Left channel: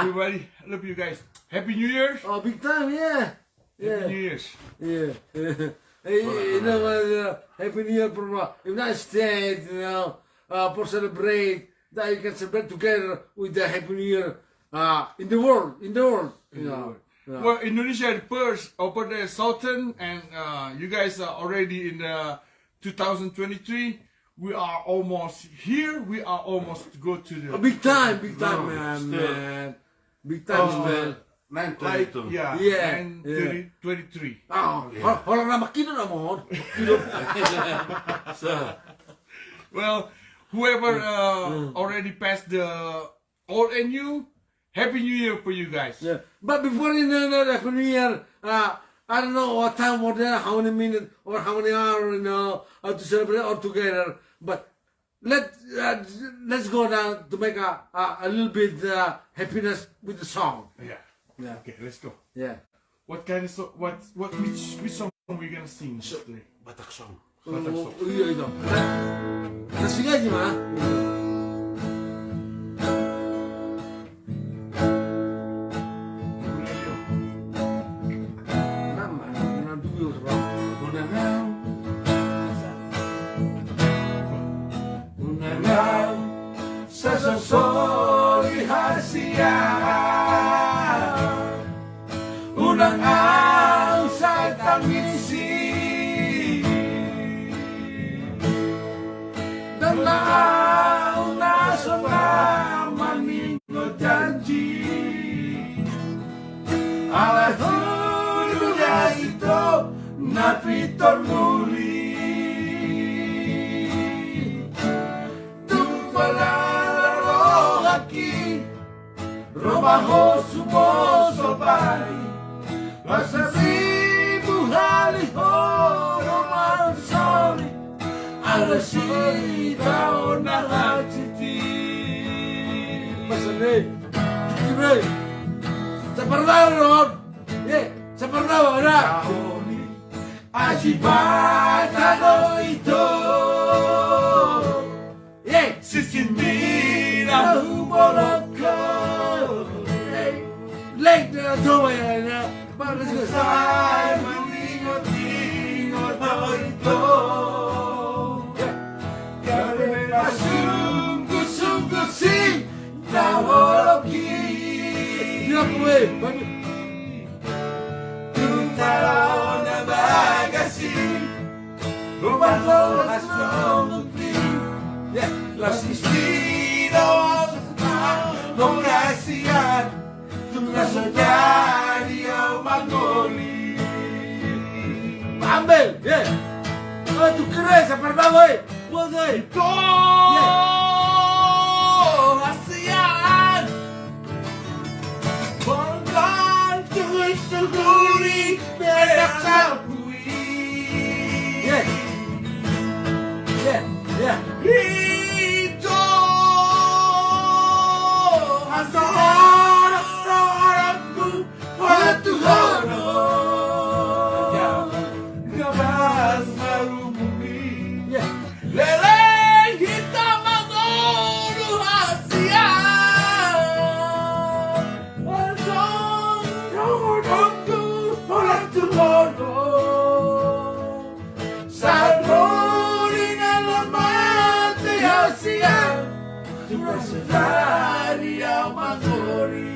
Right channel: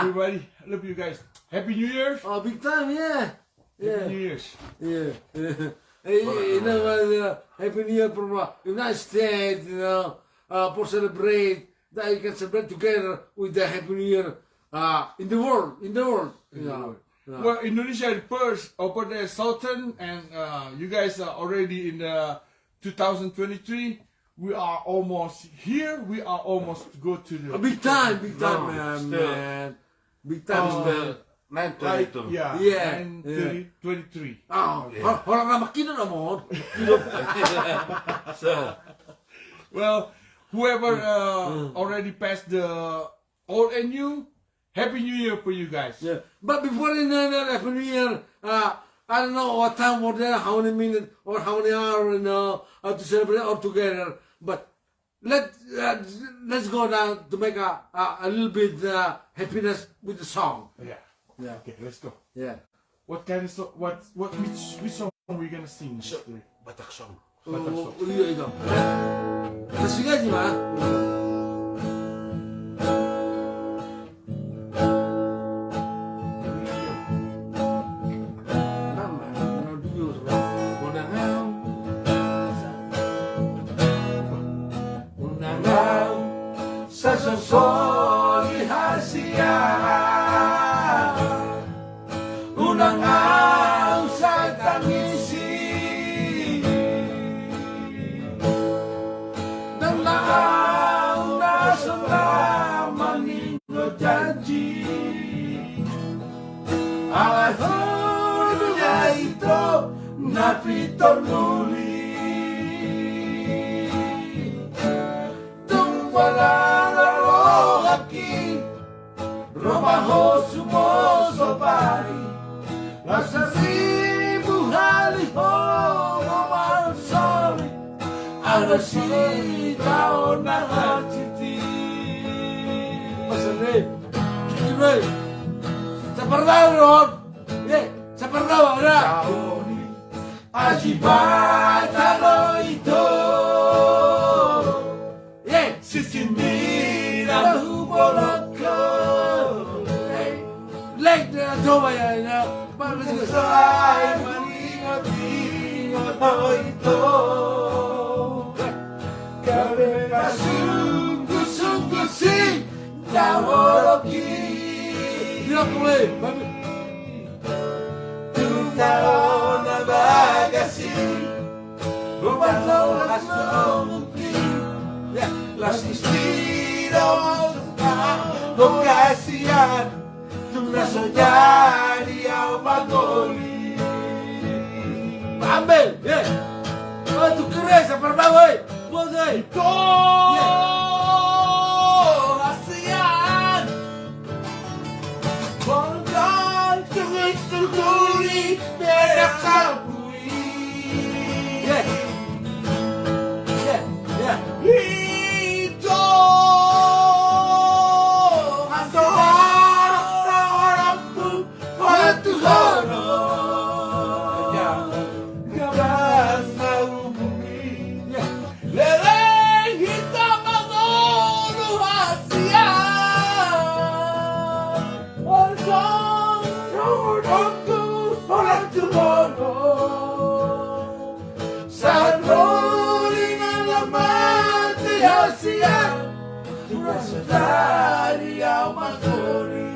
everybody. I love you guys. Happy New Year. Oh, big time, yeah. Happy New Year's. Yeah. Hey, you know, Happy New Year from United States, you know, for celebrate that you can celebrate together with the Happy New Year in the world, you know. Well, Indonesia first over the southern, and you guys are already in the 2023. We are almost here. We are almost to go to the big time, man. Big time, man. 9:22. Yeah. 9:23. Oh, orang nama kino naman. Well, whoever already passed the old and new, Happy New Year for you guys. Yeah. But before in the Happy New Year, I don't know what time was there, how many minutes or how many hours, you know, to celebrate all together. But let's go down to make a little bit happiness with the song. Yeah. Yeah. Okay, let's go. Yeah. What kind of song? Which song are we gonna sing? Batak song. Batak song. Iya itu. Kasih aja mah. Sasasoli hasia unang ang sa tangisi dan laang nasa naman ninyo janji alay huluga ito napitor muli tumpala Romaho sumoso pari Masaribu haliho Roman soli Alasita o nangachiti Masari Kibay Sa Parnawa ron Sa Parnawa na Ajibata no ito Sisimira hubolak Like the Tobaya na para sa malingot-ingot ako ito Gabi na sungguh-sungguh si Tawaloki Dinakuwi Tuntaraw na bagasi Rumalaw na nungutli Las Mistino Pengasihan Tugas menjadi yang magoli Ambil, oh tu keren, seperti apa, boleh Kasihan Bangkai terus terduri Mereka sabui Itu Dari yang mangoni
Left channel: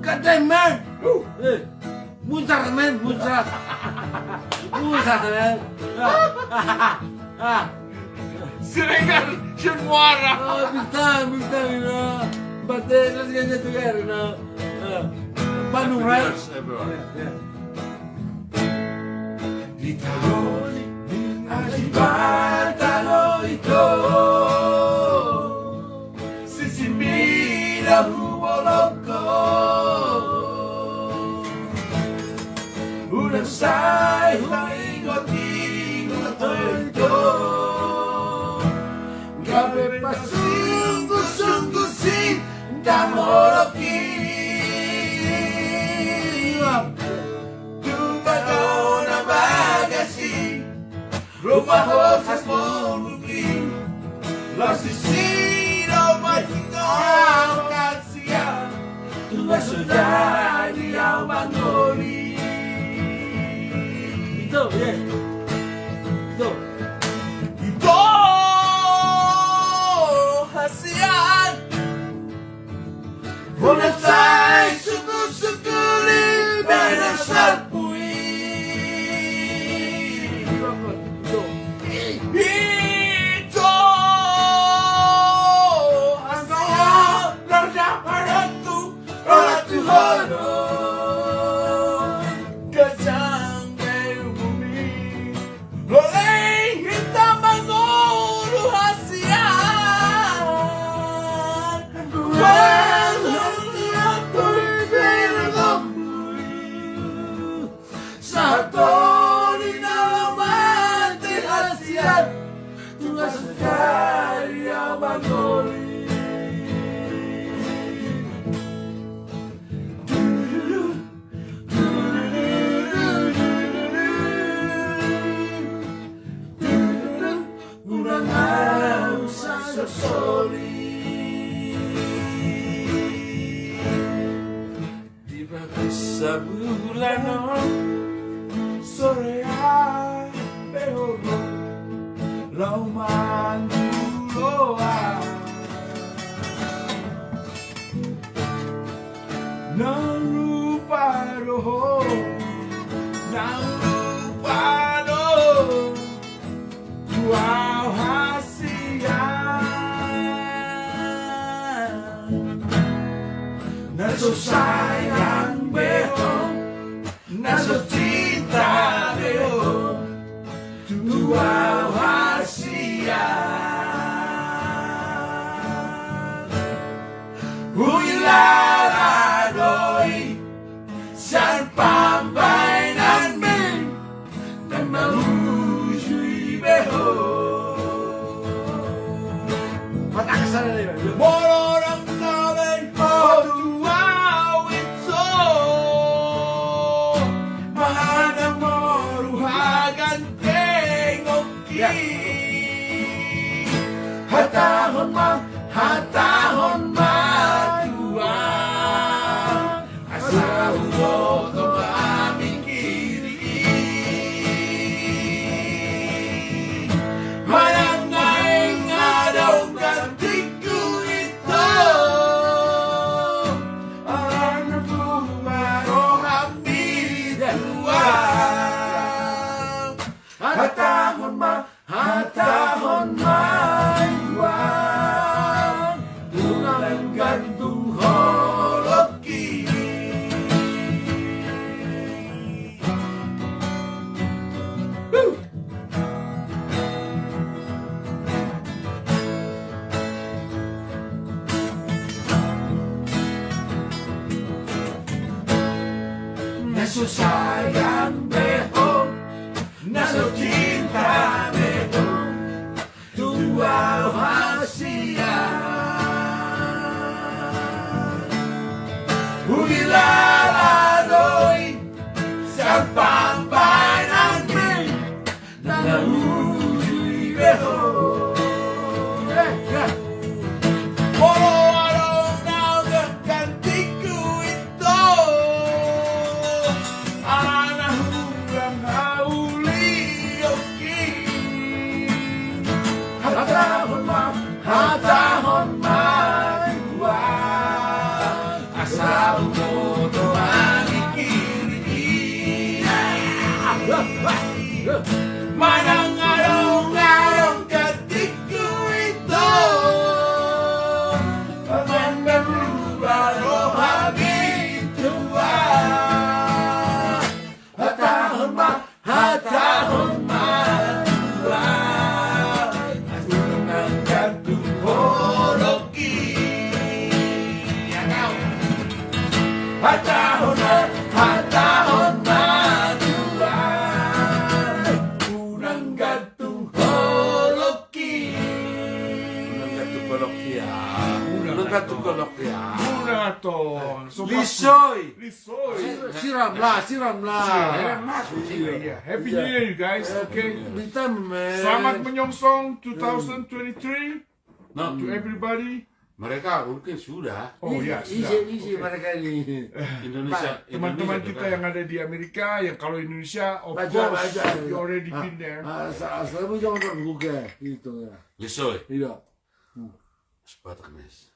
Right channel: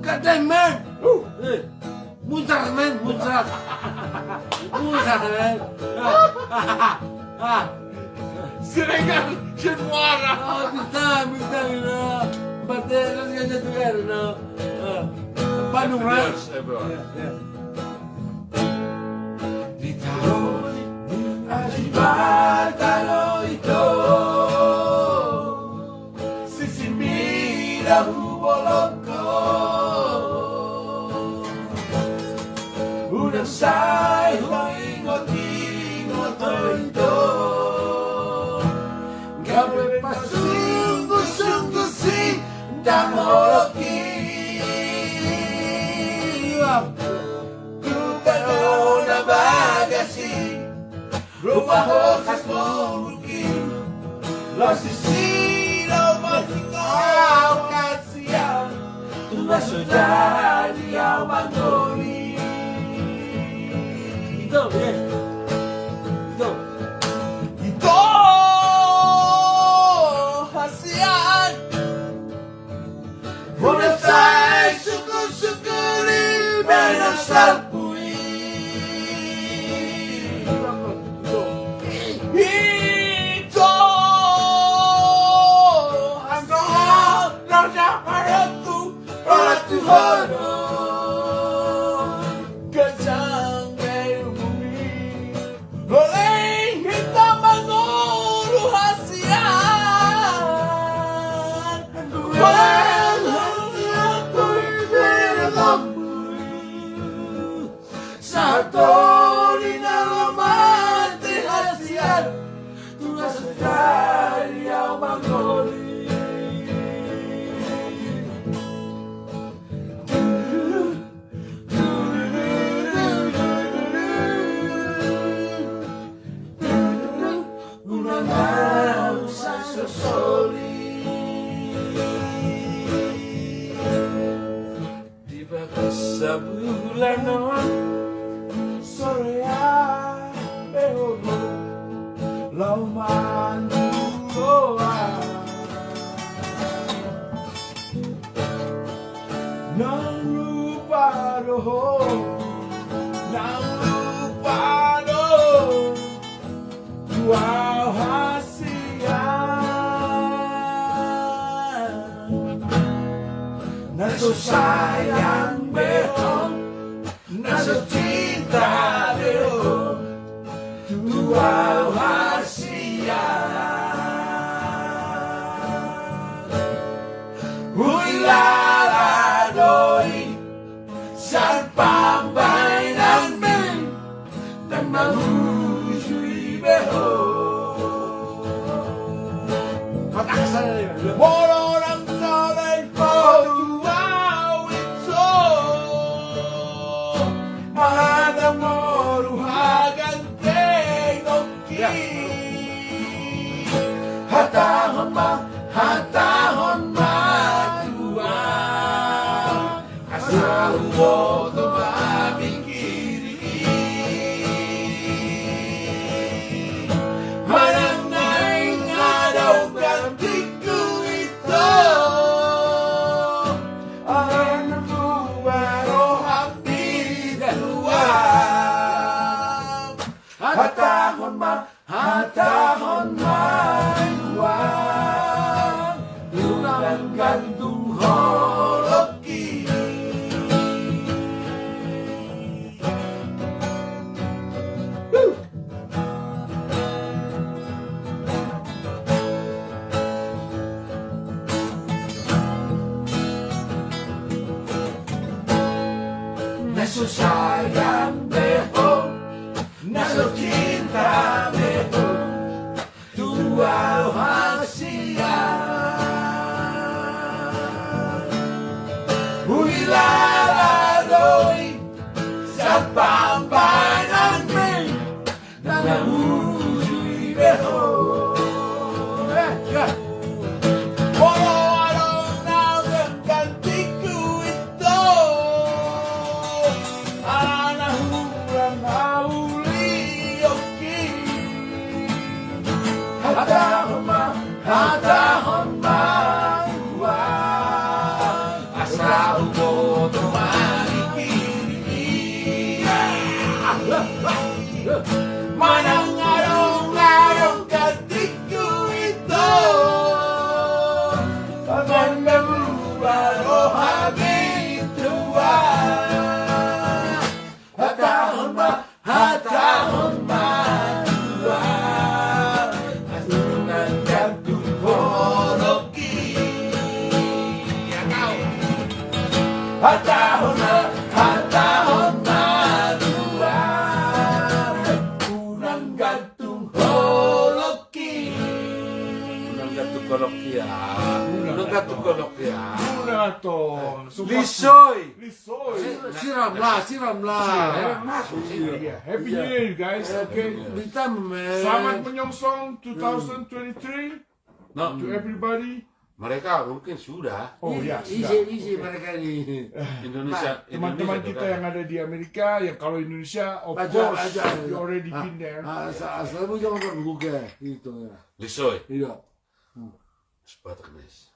Kadang man Muntar man Muntar man Sirengan should water. Oh, big time, you know. But let's get together, you know. Bandung, right? Yeah. Di tahun Ajibata no ito Sisimira huwalok ko Udang say huwingot-ingot ito Gabi pasu hitam holoki Tubago na bagasi Rumah hosas mungkin Lasisino masingol kasihan Tugas sudah dia mangoli Itu ya Itu hasian Bonasai suku-suku libenar salpui Itu hasian Larga haraku Ratu hono Kejang dari bumi Loleng hitam menguru hasian Satu di nama hasian Tugas dari yang mangoli Sebulan sore behoro lauman doa nang lupa roho wow hasian naso sayang behong naso cinta behong dua hasian Huilaradoi san pambay namin nang mahujui behong Batak sana nih Bolorang sabay Wow, it's so Mahadang moruhagan tengoki Hatahon maguang Asa uwoto aming kiri Manangay nga daw gantiku ito Hatahon may buwan Unang gantong holoki Nasusayang behong Naso cinta behong Dua hasian Huilaradoi Sa pambay namin Nanahujui behong Polo araw na gantiku ito Anahurang Hatahon may buwan Asa umoto manikiri Manang araw-araw gantiku ito Pagman berubah rohani tua Hatahon may buwan Unang gantong holoki Hatahon maduan Unang gantong holoki Unang gantong holoki ya tomato. Lisoy. Lisoy. Siram lah. Yeah. Happy New Year, guys. Okay. Bitam, man. Selamat menyongsong 2023 No, to everybody. mereka mungkin sudah. Oh ya, Easy mereka ini. Indonesia. Teman-teman Indonesia kita sudah. yang ada di Amerika, yang kalau Indonesia, of Baca. course, you already been there. Selalu jangan tergugah gitu ya. Lisoy. Iya. Bataknes.